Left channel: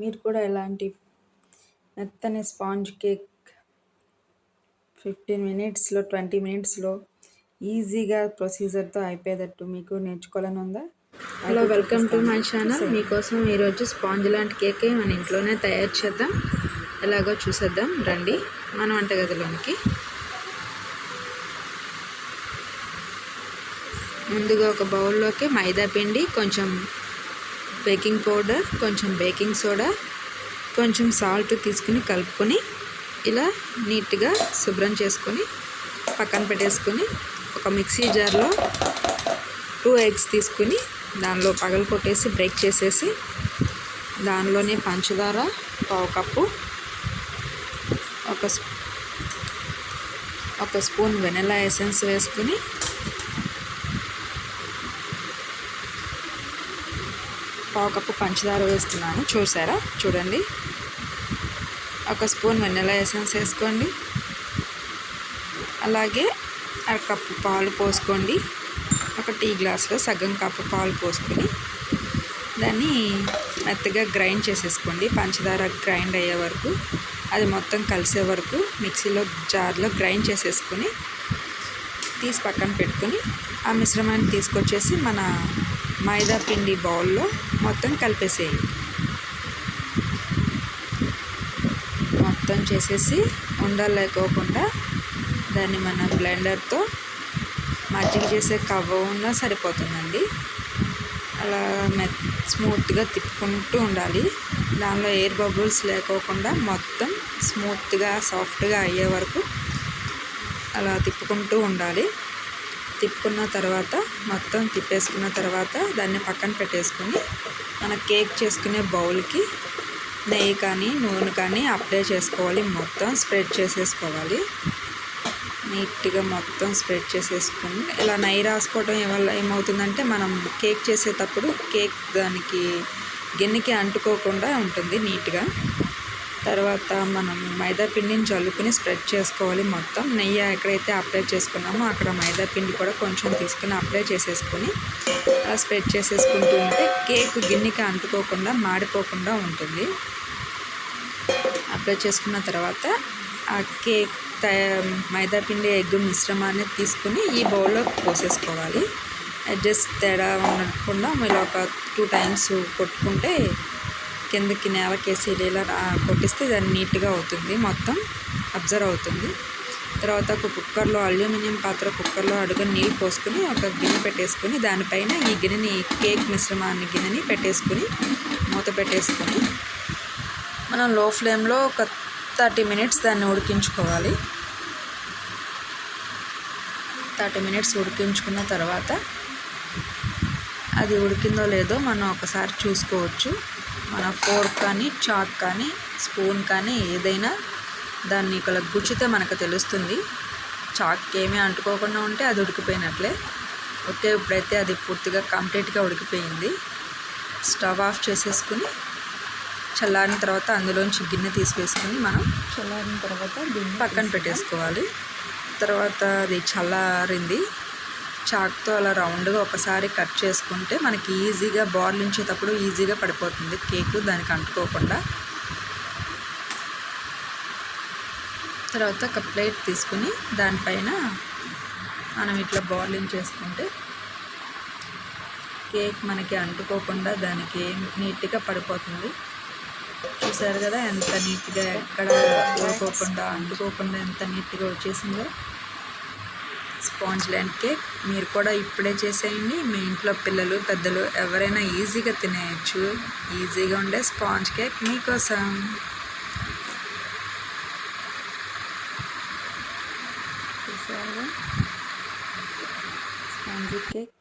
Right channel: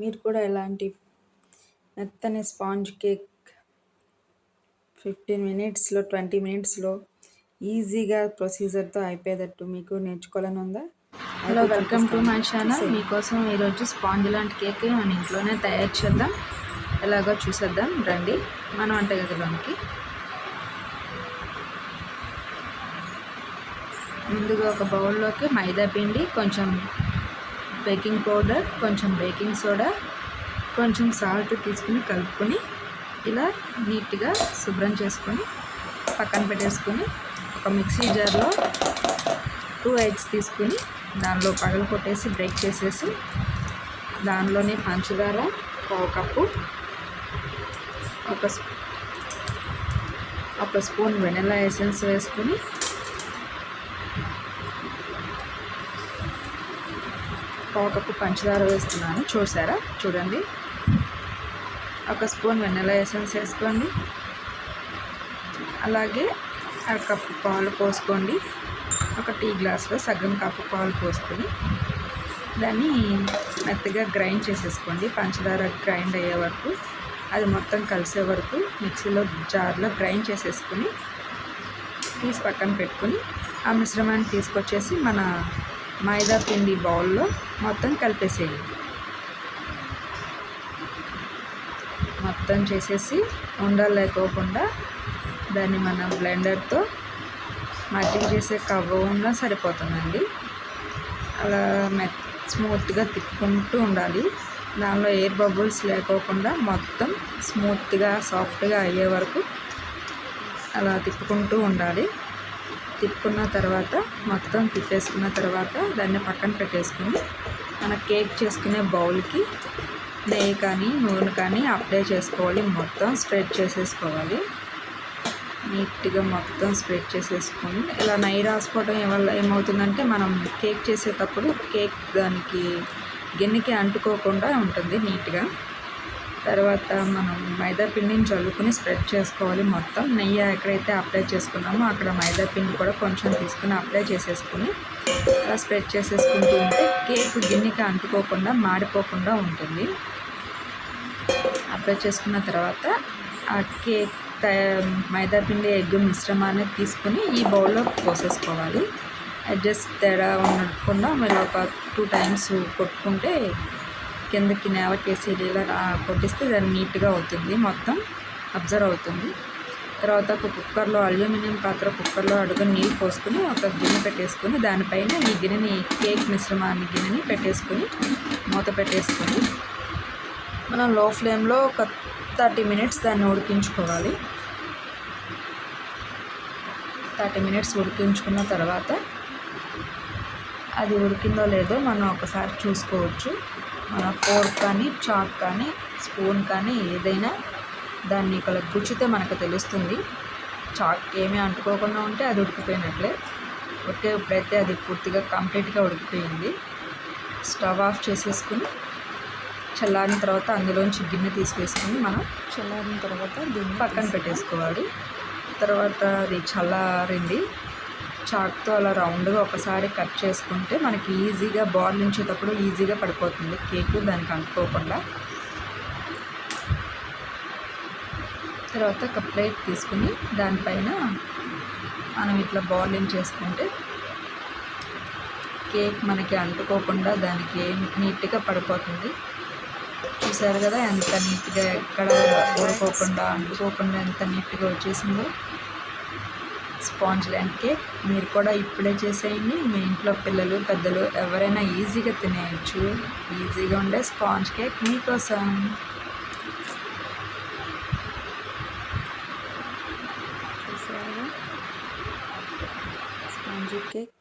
మీరు కూడా ఇలాంటి మెత్తని స్పాంజ్ కేక్ 15 మినిట్స్లో 20 మినిట్స్లో ఈజీగా ప్రొసీజర్తో అయిపోయేటట్టు మీకు నేర్చుకోవాలని ఉందా? Hello, welcome to my channel. చూసేయండి. మీకోసం ఈరోజు స్పాంజ్ లాంటి కేక్ మన ఇంట్లోనే తయారు చేద్దాం. ఎలాగో చూసేద్దాం రండి మన వంటగదిలోనికి. ముందుగా ఒక బౌల్లోకి మైదా పిండి, కొంచెం బేకింగ్ పౌడర్, కొంచెం బేకింగ్ సోడా, కొంచెం సాల్ట్ తీసుకుని కలుపుకొని ఇలా నీట్గా శుభ్రం చేసుకొని పక్కన పెట్టేసుకొని ఒక మిక్సీ జార్లో 2 ఎగ్స్ తీసుకుని దానిలో పగలు కొట్టేసి బ్రేక్ చేసేసి దానిలోనే పంచదార 1 కప్పు, ఒక స్పూన్ వెనిలా ఎసెన్స్ వేసుకుని పావు కప్పు పంచదార వేస్తున్నాను. చూడండి, 1 స్పూన్ వెనిలా ఎసెన్స్ వేసుకోండి. అలాగే 1 కప్పు పాలు పోసుకోండి. ఒక టీ గ్లాస్లో సగం కప్పు పాలు పోసుకొని దాన్ని మెత్తగా గ్రైండ్ చేసేసుకోండి. పంచదార గ్రైండ్ అయ్యే వరకు, అది మొత్తం కలిసే వరకు మిక్సీలో జార్లో గ్రైండ్ చేసేసుకొని తీసి పక్కన పెట్టుకొని ఆ మిశ్రమాన్ని తీసుకొచ్చేసి మన మైదా పిండి బౌల్లో మొత్తం కలిపేసేయండి. మొత్తం చేసేసి ఉండలు లేకోకుండా దాన్ని మన బ్లెండర్తో మజ్జిగ చేసే కవ్వ ఉన్నా సరిపోతుందండి. అలా స్మూత్గా తిప్పుకుంటూ ఉండాలి. దానిలో ఎయిర్ బబుల్స్ లేకోకుండా మొత్తం స్మూత్గా సాఫ్ట్గా అయ్యే వరకు అలా తిప్పుకుంటూ ఉండాలి. తిప్పుకున్న తర్వాత మొత్తం తిప్పేసుకున్న తర్వాత దాన్ని పక్కన పెట్టేసుకొని మన కేక్ చేసుకునే బౌల్కి నెయ్యి కానీ నూనె కానీ అప్లై చేసుకోవాలి. మొత్తం స్ప్రెడ్ చేసేసుకోవాలి. నీట్గా మొత్తం స్ప్రెడ్ చేసేసుకొని ఇలా నెయ్యి రాసుకోవడం వల్ల ఏమవుతుందంటే మనం కేక్ చేసేటప్పుడు కేక్ దానికి గిన్నెకి అంటుకోకుండా ఉంటుంది నీట్గా. తర్వాత మనం మైదా పిండిని జల్లుకుని స్ప్రెడ్ చేసుకోవాలి. మొత్తం నెయ్యి ఎక్కడైతే అప్లై చేసుకున్నామో అక్కడ మైదా పిండి కూడా కొంచెం తీసుకుని అప్లై చేసేసుకొని అలా స్ప్రెడ్ చేసేసుకుంటూ ఉంటే కేక్ గిన్నెకి అంటుకోకుండా మాడిపోకుండా ఉంటుంది. అప్లై చేసుకున్న తర్వాత ఆ కేక్ మైదా పిండి ఎగ్ మిశ్రమాన్ని తీసుకుని ఈ బౌల్లో పోసేసుకోవాలి. జస్ట్ తేడా ఉండకుండా మీరు ఒక 2 టైమ్స్ కొట్టుకుంటే కిందకి నేలకేసి ఇలా కొట్టిస్తే దాన్ని నీట్గా అవుతుంది, మొత్తం అబ్జర్వ్ అవుతుంది. తర్వాత ఒక కుక్కర్లో అల్యూమినియం పాత్ర కుక్కర్లో అడుగు నీళ్ళు పోసుకొని ఒక గిన్నె పెట్టేసుకొని దానిపైన ఈ గిన్నెని కేక్ మిశ్రమాన్ని గిన్నెని పెట్టేసుకొని మూత పెట్టేసుకొని మనం లో ఫ్లేమ్లో ఒక 30 మినిట్స్ దాన్ని ఉడికించుకోవాలి. 30 మినిట్స్ ఉడికించుకున్న తర్వాత అది ఉడికిందో లేదో మనం ఒకసారి చూసుకోవచ్చు. మన ఫోర్క్ కానీ చాక్ కానీ స్పూన్ కానీ ఏదైనా దాన్ని ఇక్కడ గుచ్చితే మనకు తెలుస్తుంది. చాక్ ఏమీ అంటుకోకుండా ఉంటే అది ఉడికిపోయినట్లే. ఓకే, ఇప్పుడైతే అది పూర్తిగా కంప్లీట్గా ఉడికిపోయింది. స్టవ్ ఆఫ్ చేసేసుకుని చల్లారిన తర్వాత అందులోంచి గిన్నె తీసివేసుకుని మనం చల్లారిన తర్వాత దీన్ని పక్కన పెట్టేసుకోవాలి. తర్వాత అది చల్లారింది. చాక్తో అలా రౌండ్గా ఒకసారి కట్ చేసుకుంటే మనకి ఈజీగా బార్లించేటప్పుడు ఈజీగా పడిపోతుంది కేకు, దానికి అంటుకోకుండా. తర్వాత ఒక ప్లేట్ తీసుకుని దానిపైన మనం ఇట్లా బార్లింగ్ చేసుకుంటే కేక్ మనకి అంటుకోకుండా దానికి నీట్గా పడిపోతుంది. చూసారు కదా ఎంత నీట్గా, ఎక్కడ అంటుకోకుండా ఎంత నీట్గా వచ్చేసిందో స్పాంజ్ లాంటి కేక్. మీరు కూడా ఇప్పుడే చేసేయండి. మీ ఇంట్లో పిల్లలు పెద్దలు ఎవరైనా ఈజీగా తినేయచ్చు. ఈజీగా ఉండే స్పాంజ్ కేక్ మీకోసం. చూసారుగా స్పాంజ్ కేక్.